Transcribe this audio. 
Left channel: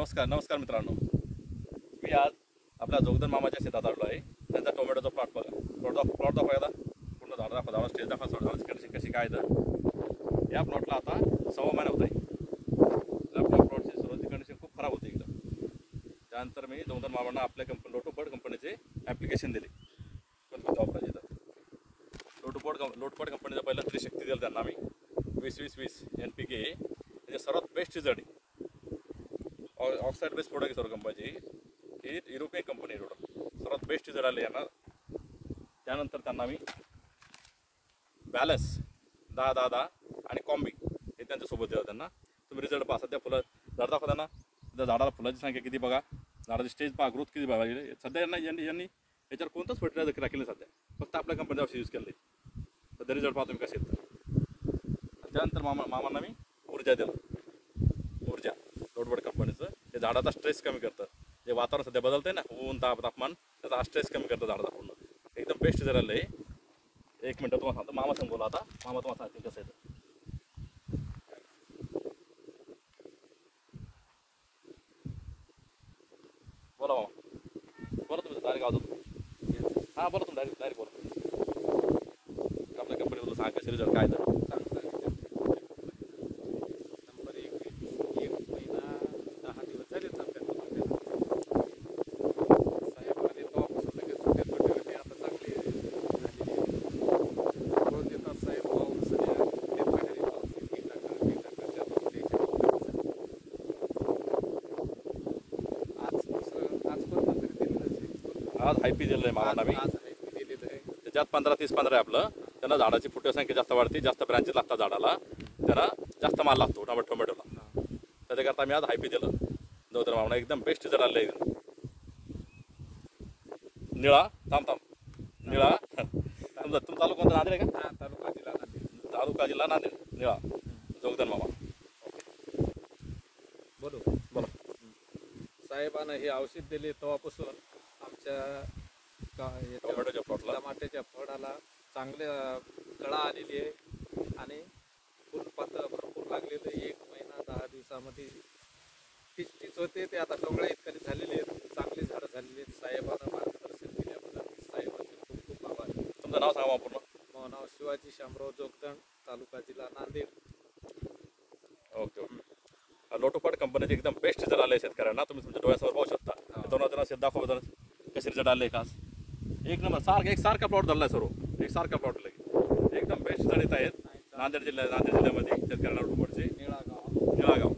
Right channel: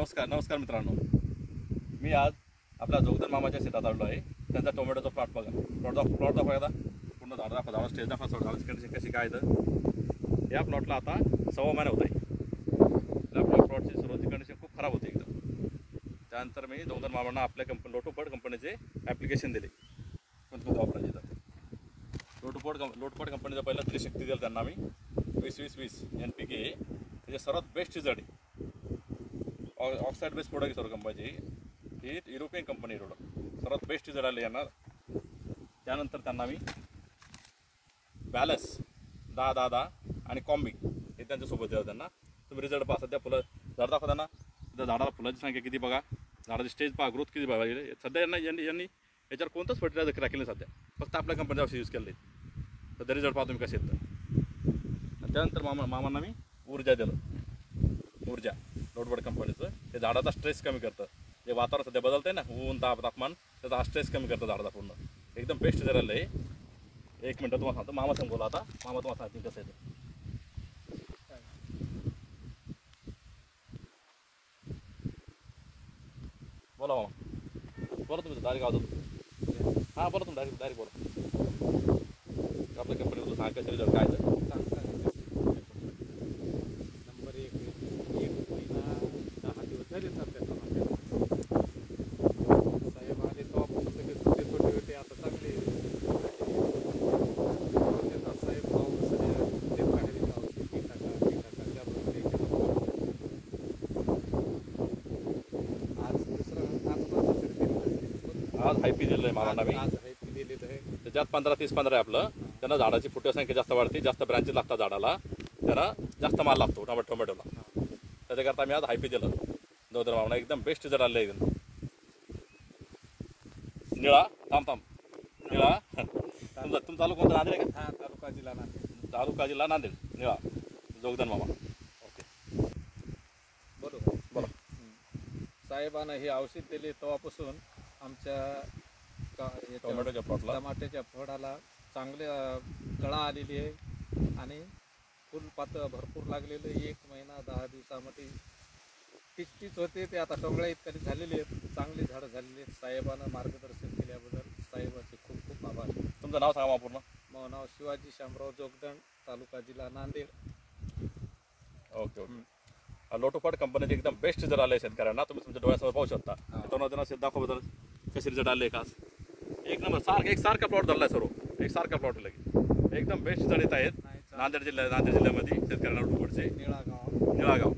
नमस्कार मित्रांनो, मी आज आपल्या जोगदन मामाच्या शेतात आलो आहे. त्यांचा टोमॅटोचा प्लॉट बघा, प्लॉट दाखवा एकदा. पूर्ण झाडा स्टेज दाखवा, सोडा कंडिशन कशी काय तर. या प्लॉटला आता 6 महिना होत आहे. आपल्या प्लॉटची सुरुवातीची कंडिशन खूप खराब होती एकदम. त्यानंतर मी जोगदन मामांना आपल्या लोटोपड कंपनीचे ॲप्लिकेशन दिले. कोणते वापरायचे तर लोटोपड कंपनीचा पहिला त्रिशक्ती दिला त्यांना मी 20-20-20 NPK. त्याचे सर्वात बेस्ट रिझल्ट आहे. ऑक्साईड बेस्ड प्रोडक्ट सर्व कंपनीची ही युरोपियन कंपनी प्रोडक्ट सर्वात बेस्ट रिझल्ट आले यांना. त्यानंतर त्यांना मी बॅलन्स 10-10-10 आणि कॉम्बी हे त्यांच्यासोबत दिलं. त्यांना तुम्ही रिझल्ट पहा. सध्या फुलं झाड दाखवा त्यांना. त्या झाडाला फुलाची संख्या किती बघा, झाडाची स्टेज पहा, ग्रोथ किती बघा. सध्या यांनी याच्यावर कोणतंच फर्टिलायझर केलं सध्या, फक्त आपल्या कंपनीचं औषध यूज केलं. सध्या रिझल्ट पहा तुम्ही कसे आहेत तर. त्यानंतर मामांना मी ऊर्जा दिलं. ऊर्जा लोटोपड कंपनीचं ते झाडाचा स्ट्रेस कमी करतं. जे वातावरण सध्या बदलतंय ना, ऊन तापमान, त्याचा हा स्ट्रेस कमी करतं झाडाचा पूर्ण. एकदम बेस्ट झालेलं आहे. 1 मिनटं तुम्हाला सांगतो. मामा सांग बोला आता. मामा तुम्हाला सांगतील कसं आहे ते. बोला मामा, बोला तुम्ही डायरेक्ट आवाज. हां बोला तुम्ही डायरेक्ट बोला. आपल्या कंपनीबद्दल सांगा कसे रिझल्ट काय तर. नंबर 1 महिना 10 दिवस झाले साहेब आले तेव्हापासून लगेच छोटे छोटे आता चांगले रोज येतात साहेब. पाऊस ते पाण्याने औषध की टाका आज हायपी दिलं आहे मामाला मी. आज दिलेलं आहे. त्याच्यात 15-30-15 आहे आपलं. त्यांना झाडाची फुटे संख्या जास्त वाढते, जास्त ब्रँचेस लागतात झाडाला, त्याला जास्त माल लागतो टोमॅटोला. त्याच्याकरता मी आज हायपी दिलं जोगदन मामाला. एकदम बेस्ट जर आलं एकदम. निळा थांब निळा तुमचं चालू कोणतं नांदेड आहे का? तालुका जिल्हा नांदेड. निळा जोगदन मामा. बरोबर बोला. साहेबांना हे औषध दिले तेव्हापासून आमच्या टोमॅटोच्या प्लॉटला टमाट्याच्या फळाला चांगले कळा आलेली आहे आणि फुलपात्र भरपूर लागलेलं. 1 महिना 10 दिवसामध्ये तीच होते ते आता टोंगळ्या इतकी झालेली आहेत. चांगली झाडं झालेली आहेत. साहेबांना मार्गदर्शन दिल्याबद्दल साहेबांचे खूप खूप आभार. तुमचं नाव सांगा पूर्ण. माझं नाव शिवाजी शामराव जोगदन, तालुका जिल्हा नांदेड. ओके. लोटोपड कंपनीचे एकदम बेस्ट रिझल्ट आले शेतकऱ्यांना. तुम्ही तुमच्या डोळ्यासमोर पाहू शकता. दोन शेत दाखवा बद्दल कसे रिझल्ट आले. खास 1 नंबर एकसारखा प्लॉट झाला आहे सर्व. एकसारखा प्लॉट लगे एकदम बेस्ट रिझल्ट येत आहेत नांदेड जिल्ह्यामध्ये शेतकऱ्यांना लोटोपडचे. निळागाव